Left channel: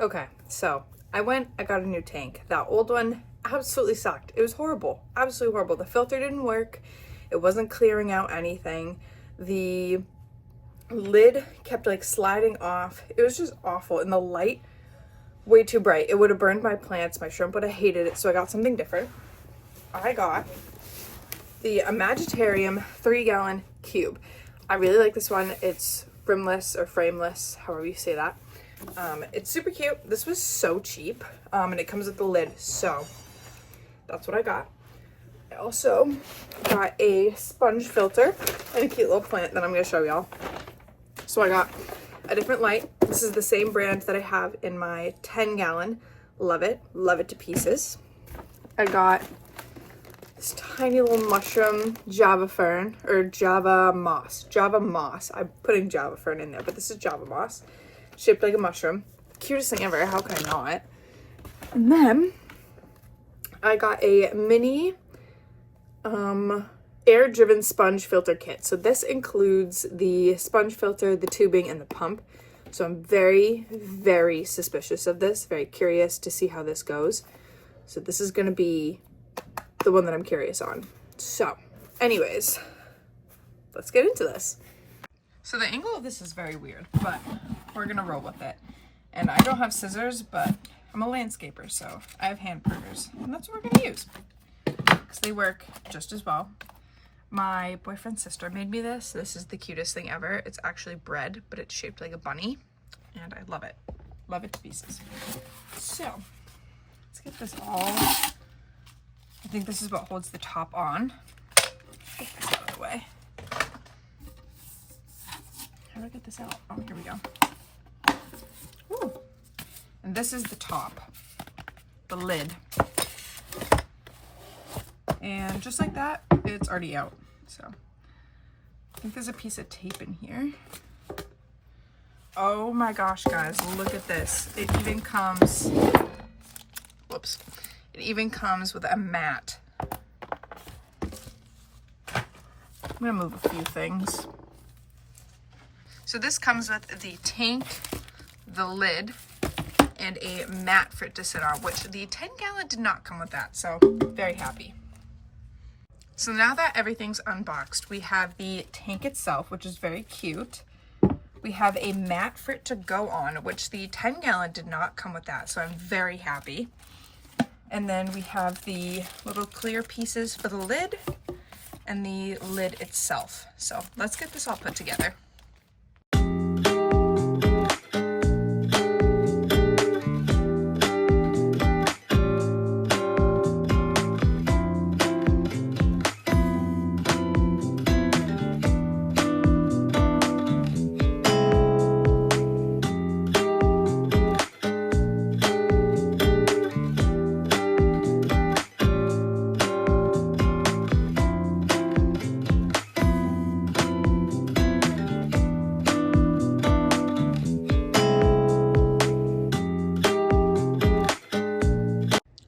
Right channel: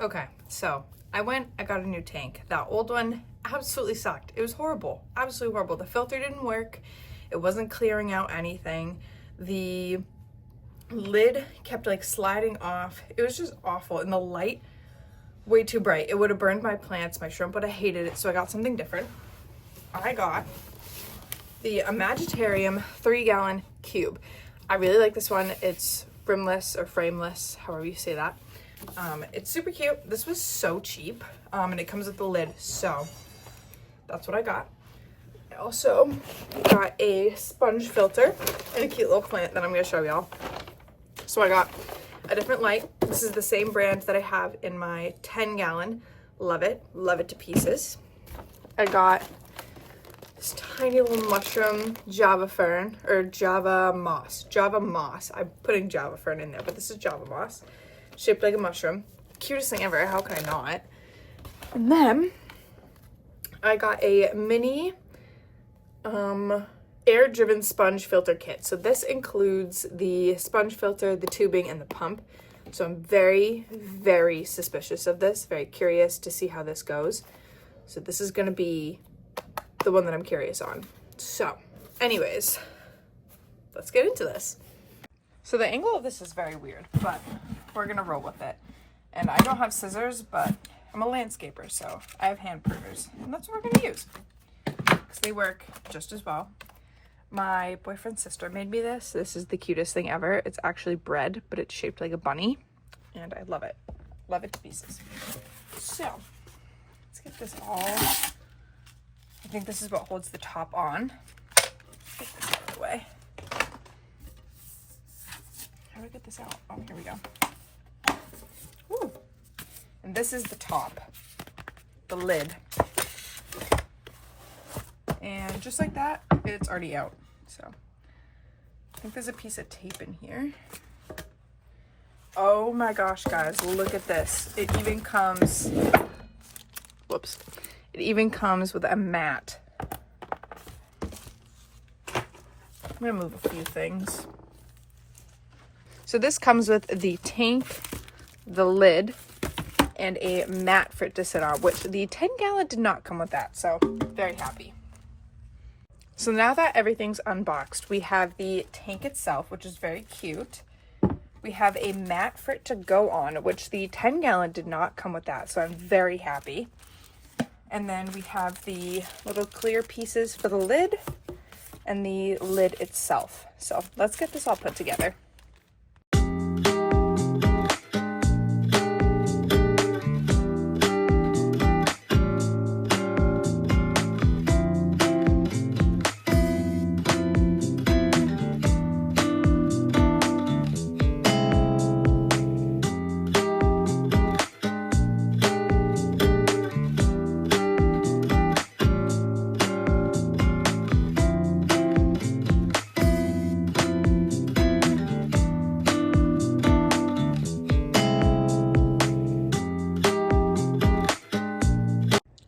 Okay, so I got a new tank. That old one absolutely sucked. It was horrible, absolutely horrible. The filter didn't work. It wasn't clearing out anything. The lid kept like sliding off. It was just awful. And the light, way too bright. It would have burned my plants. My shrimp would have hated it. So I got something different. I got the Imaginarium 3-gallon cube. I really like this one. It's rimless or frameless, however you say that. It's super cute. This was so cheap, and it comes with the lid, so that's what I got. I also got a sponge filter and a cute little plant that I'm going to show y'all. So I got a different light. This is the same brand that I have in my 10-gallon. Love it to pieces. I got this tiny little mushroom Java fern, or Java moss. I'm putting Java fern in there, but this is Java moss, shaped like a mushroom. Cutest thing ever. How can I not? And then I got a mini air driven sponge filter kit. So this includes the sponge filter, the tubing, and the pump. So I'm very, very suspicious of this, very curious to see how this goes. So this is going to be the one that I'm curious on. So anyways, let's get into this. So the angle of this is very weird, but we're gonna roll with it. And I don't have scissors, but I'm a landscaper, so I have hand pruners, and that's what we're gonna use because they work just as well. My boyfriend's sister made me this. This is the cutest thing ever. It's actually bread, but it's shaped like a bunny, and I love it. Love it to pieces. So let's get this all. I think this is what holds the top on. Get this out of the way. How do I get this out? Oh, here we go. Ooh. And this is the top, the lid. And just like that, it's already out. So I think there's a piece of tape in here. Oh my gosh, guys, look at this. It even comes, whoops. It even comes with a mat. I'm gonna move a few things. So this comes with the tank, the lid, and a mat for it to sit on, which the 10-gallon did not come with that, so very happy. So now that everything's unboxed, we have the tank itself, which is very cute. We have a mat for it to go on, which the 10-gallon did not come with that, so I'm very happy. And then we have the little clear pieces for the lid and the lid itself. So let's get this all put together.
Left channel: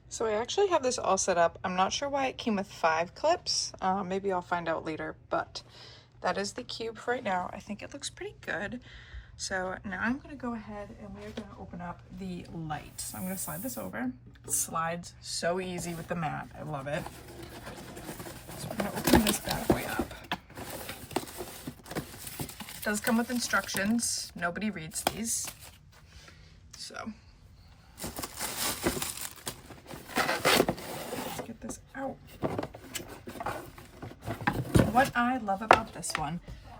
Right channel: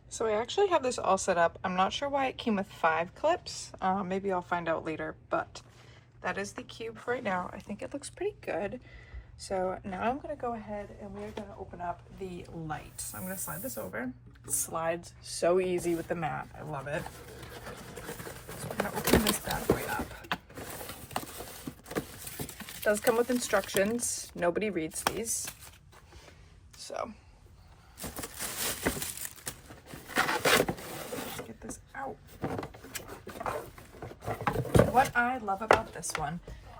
So I actually have this all set up. I'm not sure why it came with 5 clips. Maybe I'll find out later, but that is the cube for right now. I think it looks pretty good. So now I'm gonna go ahead and we're gonna open up the light. So I'm gonna slide this over. It slides so easy with the mat. I love it. So we're gonna open this bad boy up. It does come with instructions. Nobody reads these. So get this out. What I love about this one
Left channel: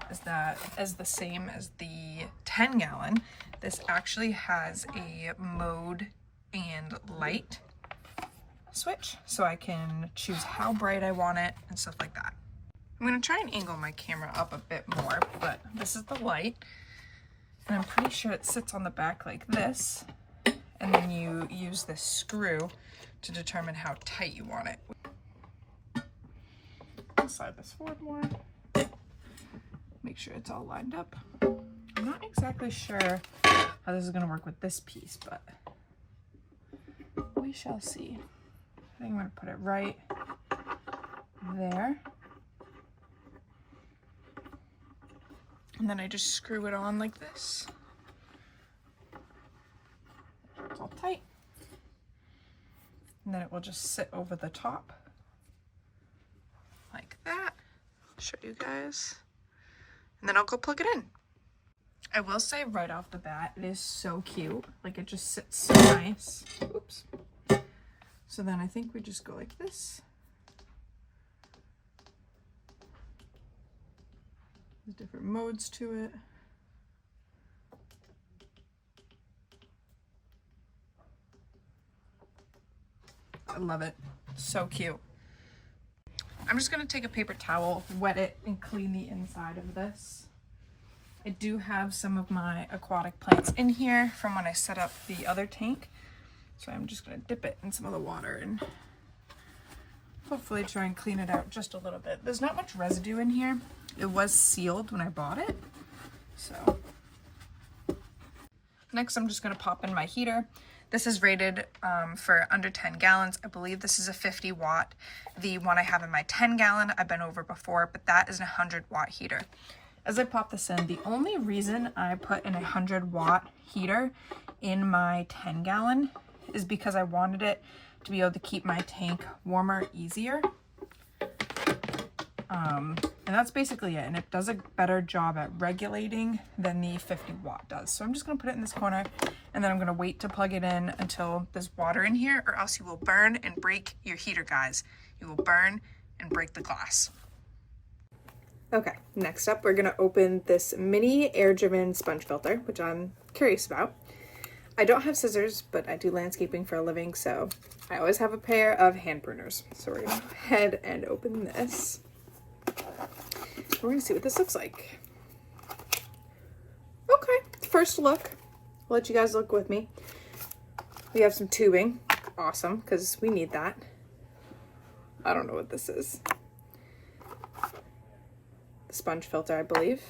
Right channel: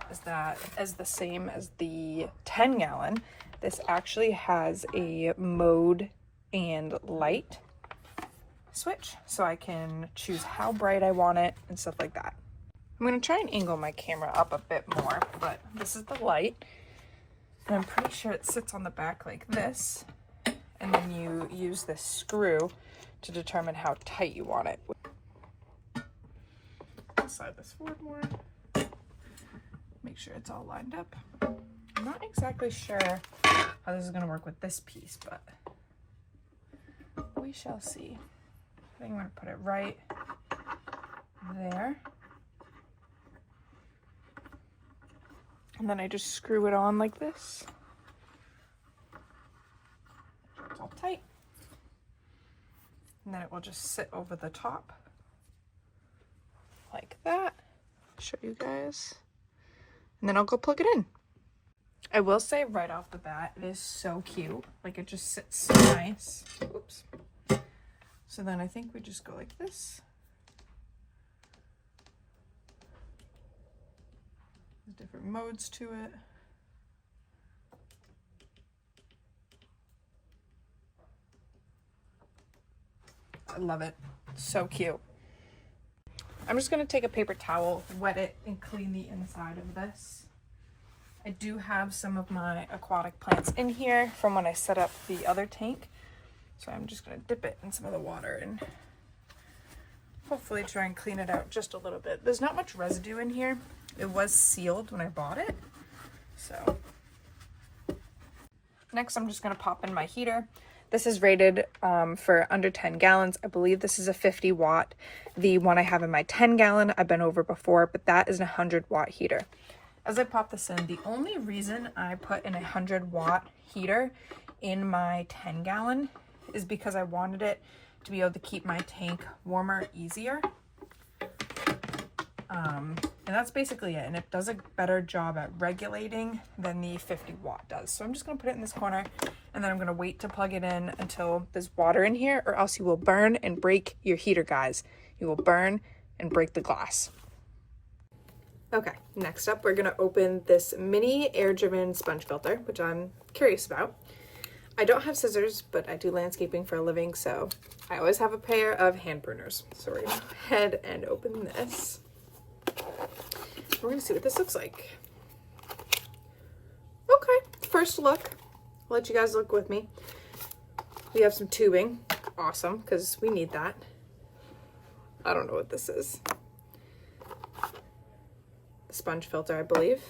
is that, as the same as the 10-gallon, this actually has a mode and light switch, so I can choose how bright I want it and stuff like that. I'm going to try and angle my camera up a bit more, but this is the light, and I'm pretty sure it sits on the back like this, and then you use this screw to determine how tight you want it. Slide this forward more. Make sure it's all lined up. I'm not exactly sure how this is going to work with this piece, but we shall see. I think I'm going to put it right there. And then I just screw it on like this. tight. And then it will just sit over the top like that. I'll show you guys. And then I'll go plug it in. I will say right off the bat, it is so cute. Like, it just sits so nice. Oops. So then I think we just go like this. There's different modes to it. I love it. So cute. I'm just gonna take a paper towel, wet it, and clean the inside of this. I do have some of my aquatic plants in here from when I set up the other tank. So I'm just gonna dip it in some of the water and hopefully try and clean it out just a little bit. There's not much residue in here. It was sealed when I bought it. So next I'm just gonna pop in my heater. This is rated for under 10 gallons. I believe this is a 50 watt. The one I have in my 10 gallon, I've been over before, but that is a 100 watt heater. As I pop this in, the only reason I put in a 100 watt heater in my 10 gallon is because I wanted it to be able to keep my tank warmer easier. And that's basically it. And it does a better job at regulating than the 50 watt does. So I'm just gonna put it in this corner and then I'm gonna wait to plug it in until there's water in here, or else you will burn and break your heater, guys. You will burn and break the glass. Okay, next up, we're gonna open this mini air-driven sponge filter, which I'm curious about. I don't have scissors, but I do landscaping for a living, so I always have a pair of hand pruners. So we're gonna go ahead and open this. We're gonna see what this looks like. Okay, first look. I'll let you guys look with me. We have some tubing. Awesome, because we need that. I don't know what this is. Sponge filter, I believe,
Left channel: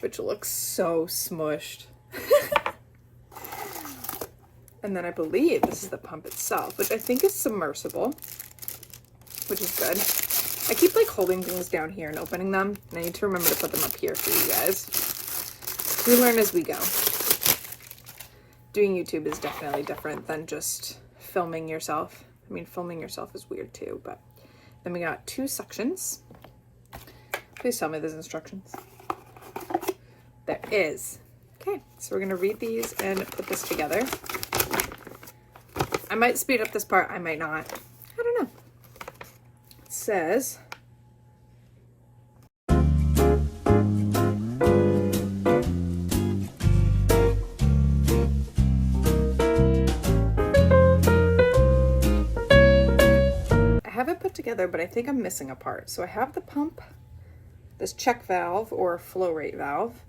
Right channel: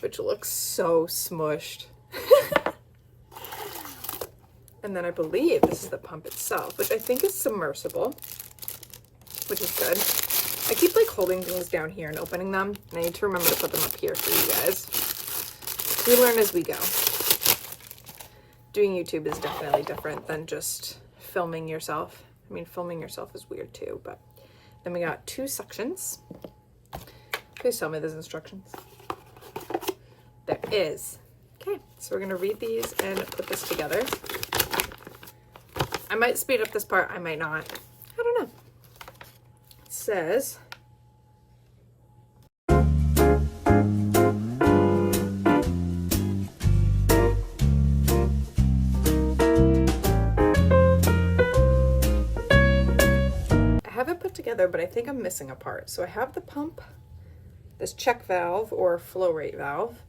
which looks so smushed. And then I believe this is the pump itself, which I think is submersible, which is good. I keep like holding things down here and opening them, and I need to remember to put them up here for you guys. We learn as we go. Doing YouTube is definitely different than just filming yourself. I mean, filming yourself is weird too, but then we got 2 suctions. Please tell me there's instructions. There is. Okay, so we're gonna read these and put this together. I might speed up this part, I might not. I don't know. It says, I have it put together, but I think I'm missing a part. So I have the pump, this check valve or flow rate valve,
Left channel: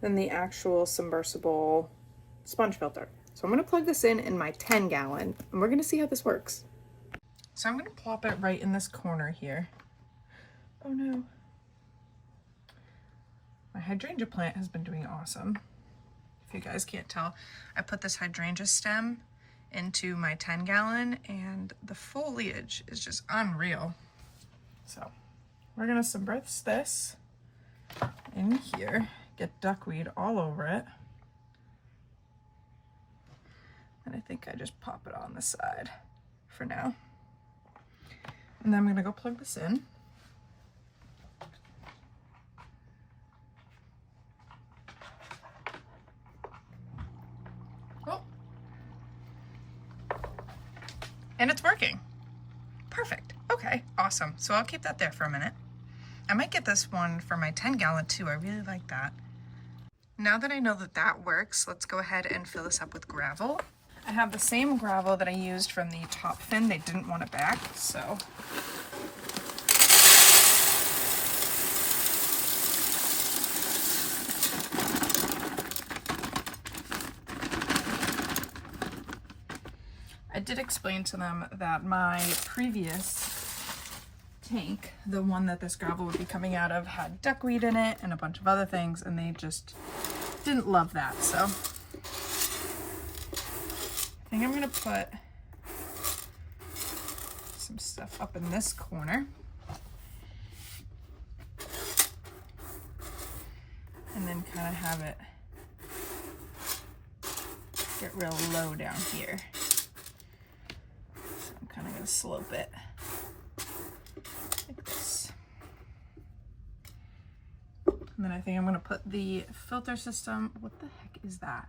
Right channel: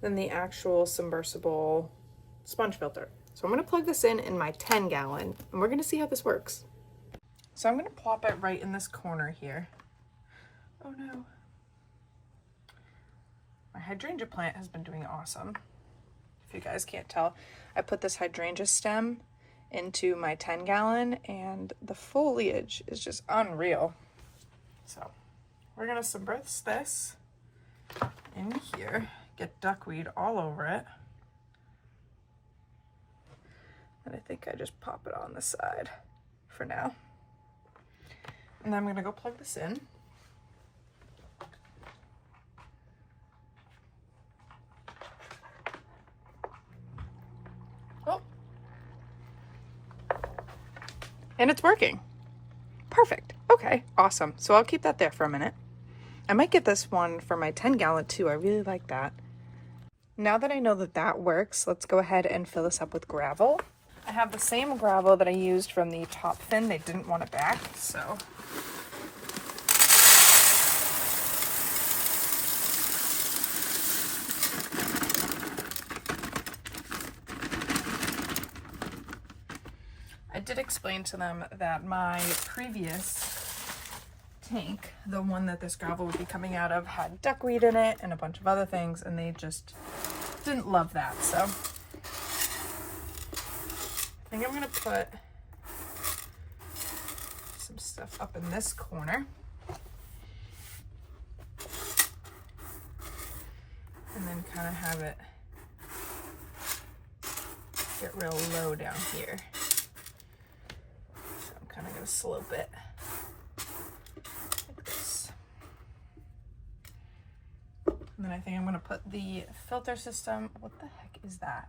then the actual submersible sponge filter. So I'm gonna plug this in my 10 gallon and we're gonna see how this works. So I'm gonna plop it right in this corner here. Oh no. My hydrangea plant has been doing awesome. If you guys can't tell, I put this hydrangea stem into my 10 gallon and the foliage is just unreal. So we're gonna submerge this in here, get duckweed all over it. And I think I just pop it on the side for now. And then I'm gonna go plug this in. Oh. And it's working. Perfect. Okay, awesome. So I'll keep that there for a minute. I might get this one for my 10 gallon too. I really like that. Now that I know that that works, let's go ahead and fill this up with gravel. I have the same gravel that I used from the top fin. They didn't want it back, so. I did explain to them that my previous tank, the one that this gravel would be coming out of, had duckweed in it and a bunch of other things, and they just didn't love that, so. I think I'm gonna put some stuff up in this corner. And then kind of have it get real low down here. So I'm kind of going to slope it like this. And then I think I'm going to put the filter system. What the heck is that?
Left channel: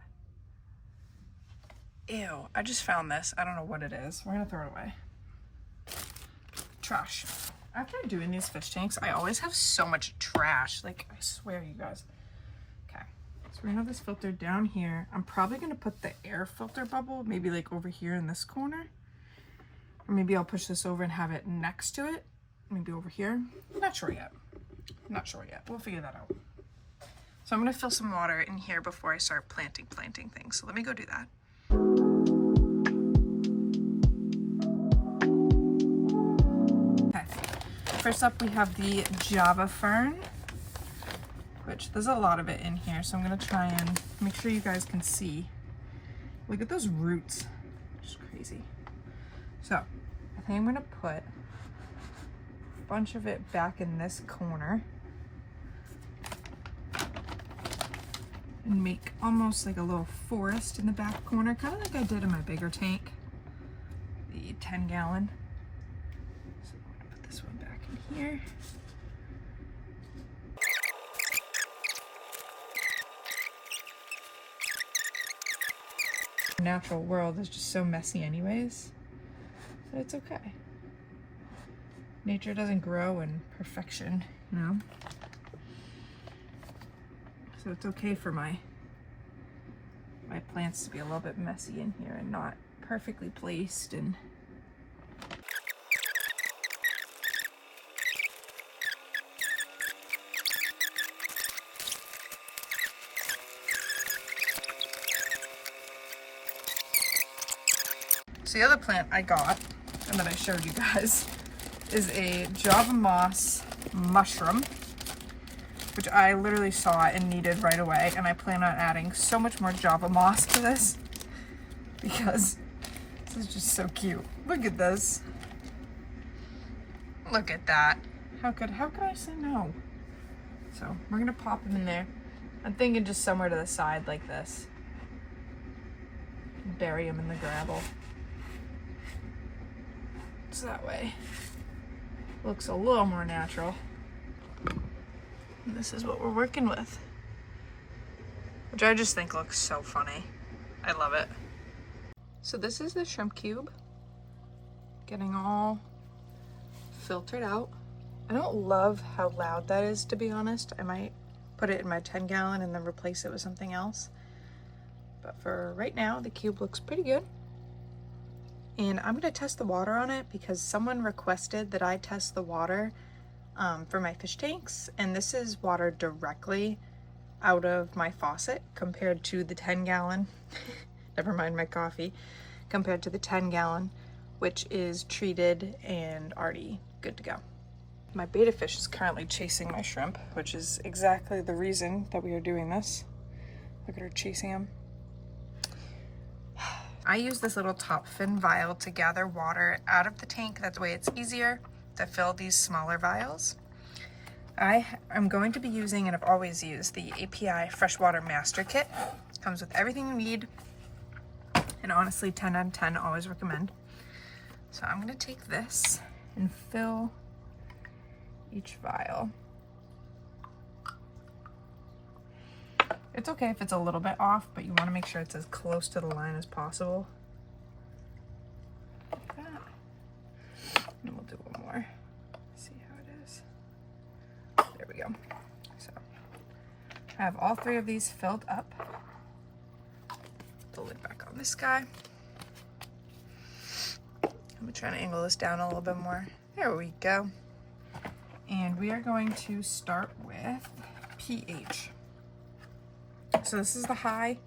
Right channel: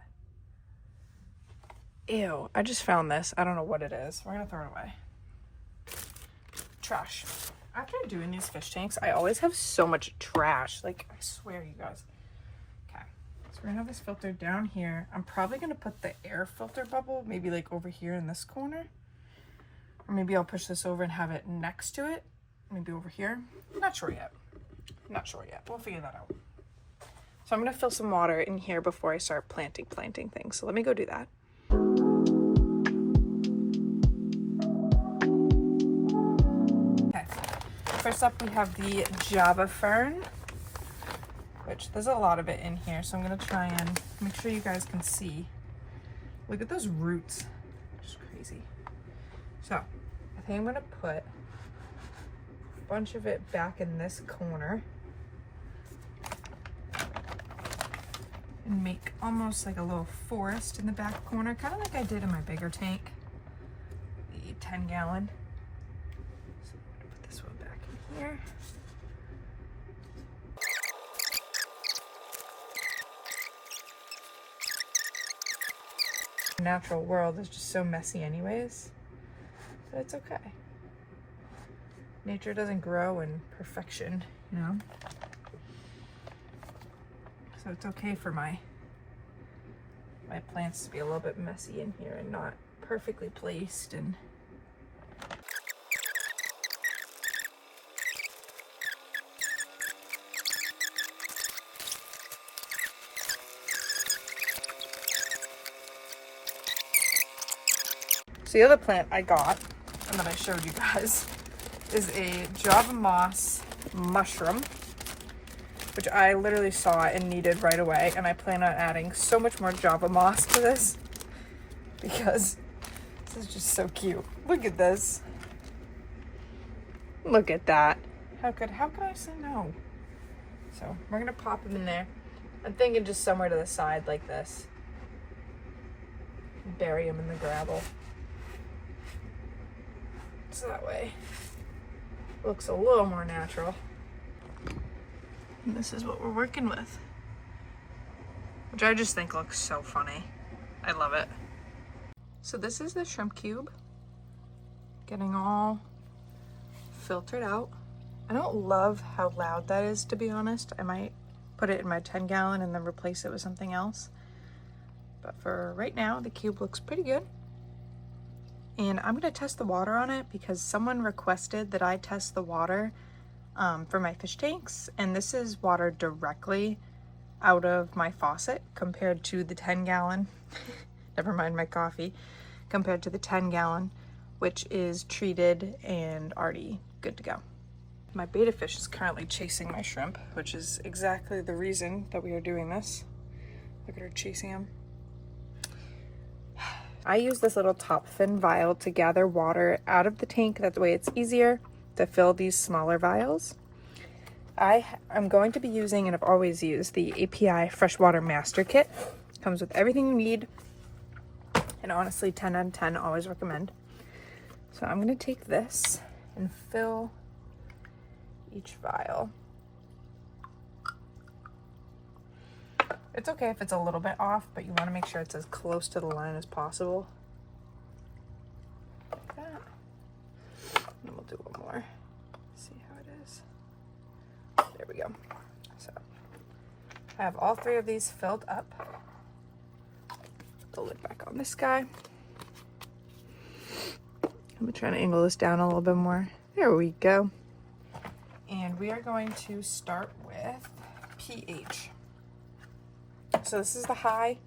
Ew, I just found this. I don't know what it is. We're going to throw it away. Trash. After doing these fish tanks, I always have so much trash. Like, I swear, you guys. Okay, so we're gonna have this filter down here. I'm probably gonna put the air filter bubble maybe like over here in this corner. Or maybe I'll push this over and have it next to it. Maybe over here. Not sure yet. Not sure yet. We'll figure that out. So I'm gonna fill some water in here before I start planting things. So let me go do that. First up, we have the Java Fern, which there's a lot of it in here, so I'm going to try and make sure you guys can see. Look at those roots. Just crazy. So, I think I'm going to put a bunch of it back in this corner and make almost like a little forest in the back corner, kind of like I did in my bigger tank, the 10-gallon. Here. The natural world is just so messy anyways, but it's okay. Nature doesn't grow in perfection, you know? So it's okay for my plants to be a little bit messy in here and not perfectly placed. And so the other plant I got, and that I showed you guys, is a Java moss mushroom, which I literally saw and needed right away, and I plan on adding so much more Java moss to this because this is just so cute. Look at this. Look at that. How could I say no? So we're gonna pop them in there. I'm thinking just somewhere to the side like this. Bury them in the gravel. So that way it looks a little more natural. And this is what we're working with, which I just think looks so funny. I love it. So this is the shrimp cube getting all filtered out. I don't love how loud that is, to be honest. I might put it in my 10-gallon and then replace it with something else. But for right now, the cube looks pretty good. And I'm gonna test the water on it because someone requested that I test the water for my fish tanks. And this is water directly out of my faucet compared to the 10-gallon, never mind my coffee, compared to the 10-gallon, which is treated and already good to go. My betta fish is currently chasing my shrimp, which is exactly the reason that we are doing this. Look at her chasing him. I use this little top fin vial to gather water out of the tank. That way it's easier to fill these smaller vials. I am going to be using, and I've always used, the API Freshwater Master Kit. Comes with everything you need, and honestly 10 out of 10, always recommend. So I'm going to take this and fill each vial. It's okay if it's a little bit off, but you want to make sure it's as close to the line as possible. Like that. And we'll do one more. See how it is. There we go. So I have all 3 of these filled up. Put the lid back on this guy. I'm trying to angle this down a little bit more. There we go. And we are going to start with pH. So this is the high,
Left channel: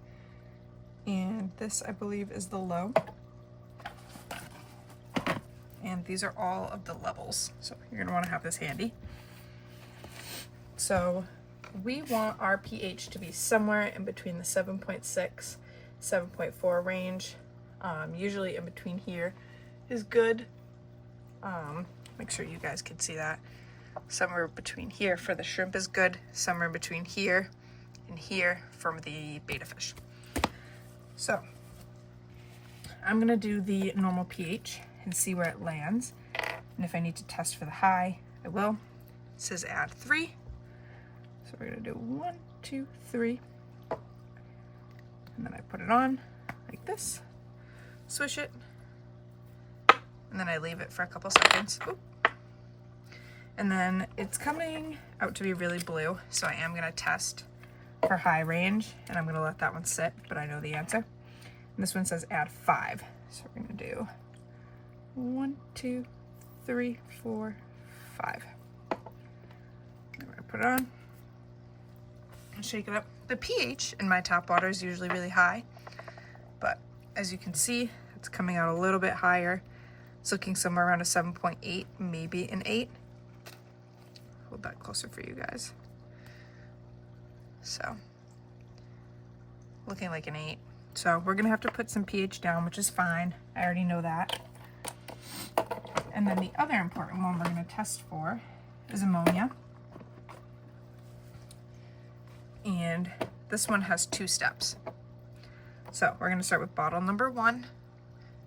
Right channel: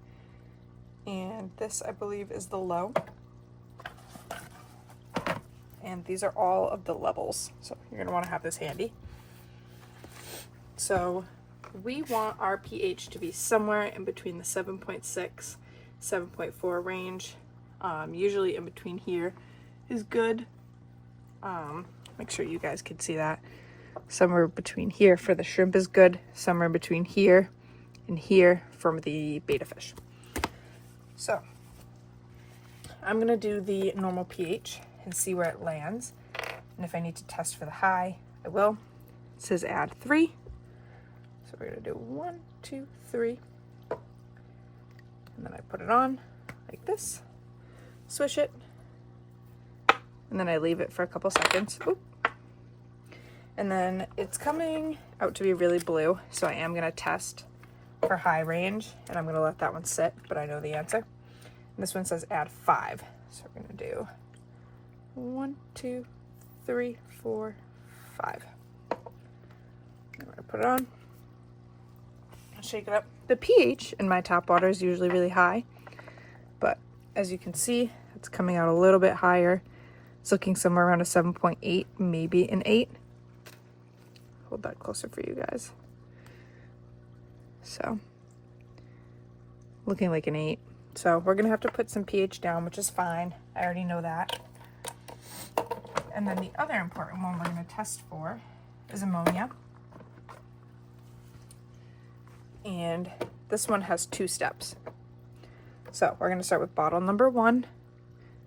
and this I believe is the low. And these are all of the levels. So you're gonna wanna have this handy. So we want our pH to be somewhere in between the 7.6, 7.4 range. Usually in between here is good. Make sure you guys can see that. Somewhere between here for the shrimp is good. Somewhere between here and here from the betta fish. So I'm gonna do the normal pH and see where it lands. And if I need to test for the high, I will. It says add 3. So we're gonna do 1, 2, 3. And then I put it on like this, swish it, and then I leave it for a couple seconds. Oop. And then it's coming out to be really blue, so I am gonna test for high range, and I'm gonna let that one sit, but I know the answer. And this one says add 5. So we're gonna do 1, 2, 3, 4, 5. I'm gonna put it on, shake it up. The pH in my tap water is usually really high, but as you can see, it's coming out a little bit higher. It's looking somewhere around a 7.8, maybe an 8. Hold that closer for you guys. So, looking like an 8. So we're gonna have to put some pH down, which is fine. I already know that. And then the other important one we're gonna test for is ammonia. And this one has 2 steps. So we're gonna start with bottle number 1.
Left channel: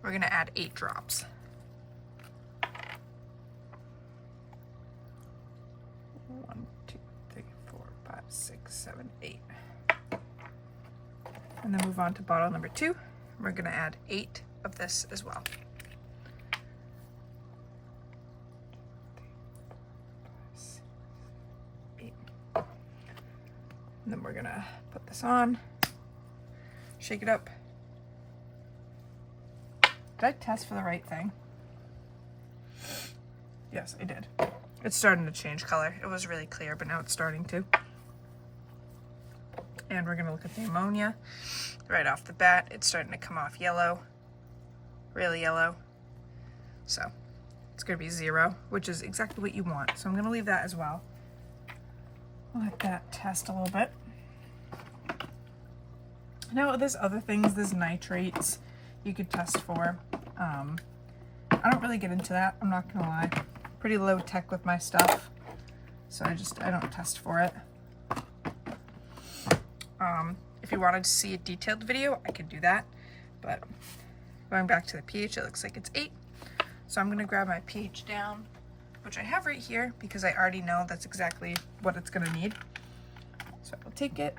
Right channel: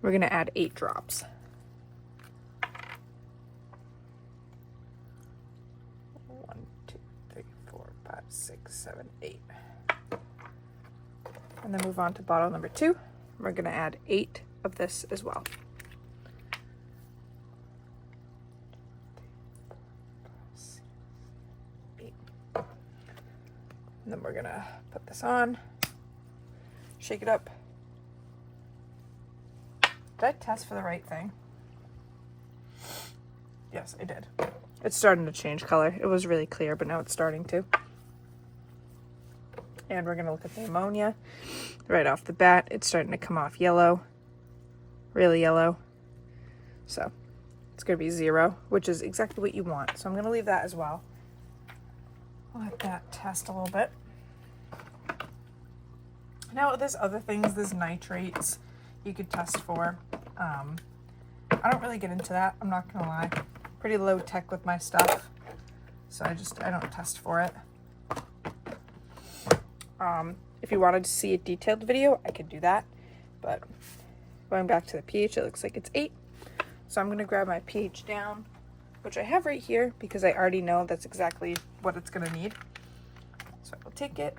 We're gonna add 8 drops. 1, 2, 3, 4, 5, 6, 7, 8. And then move on to bottle number 2. We're gonna add 8 of this as well. 8. And then we're gonna put this on, shake it up. Did I test for the right thing? Yes, I did. It's starting to change color. It was really clear, but now it's starting to. And we're gonna look at the ammonia. Right off the bat, it's starting to come off yellow, really yellow. So it's gonna be 0, which is exactly what you want. So I'm gonna leave that as well. Let that test a little bit. Now there's other things, there's nitrates you could test for. I don't really get into that, I'm not gonna lie. Pretty low tech with my stuff, so I don't test for it. If you wanted to see a detailed video, I could do that, but going back to the pH, it looks like it's 8. So I'm gonna grab my pH down, which I have right here because I already know that's exactly what it's gonna need. So I'll take it,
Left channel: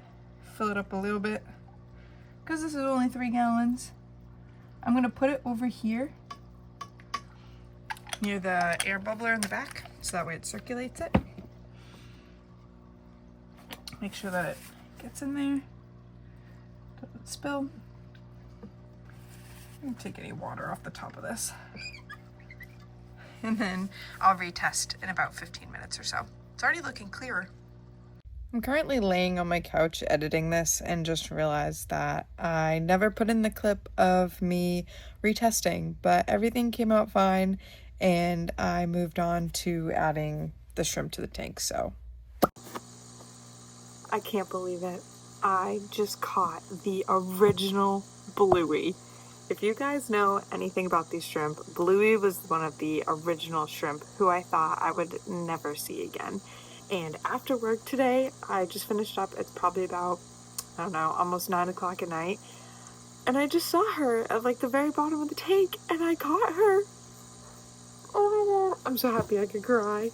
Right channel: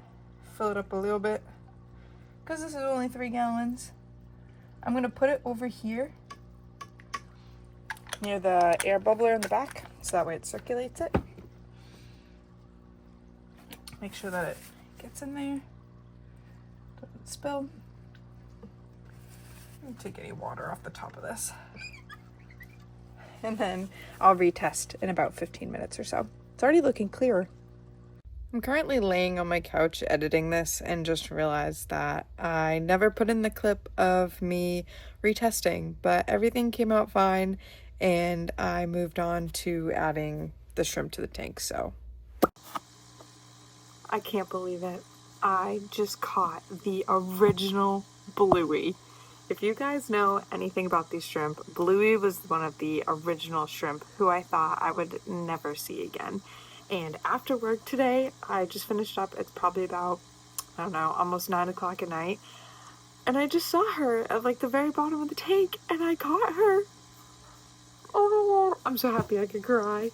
fill it up a little bit, because this is only 3 gallons. I'm gonna put it over here near the air bubbler in the back, so that way it circulates it. Make sure that it gets in there, doesn't spill. Don't take any water off the top of this. And then I'll retest in about 15 minutes or so. It's already looking clearer. I'm currently laying on my couch editing this and just realized that I never put in the clip of me retesting, but everything came out fine and I moved on to adding the shrimp to the tank. So I can't believe it. I just caught the original bluey. If you guys know anything about these shrimp, bluey was one of the original shrimp who I thought I would never see again. And after work today, I just finished up. It's probably about, I don't know, almost 9 o'clock at night. And I just saw her at like the very bottom of the tank and I caught her. Oh, I'm so happy I could cry.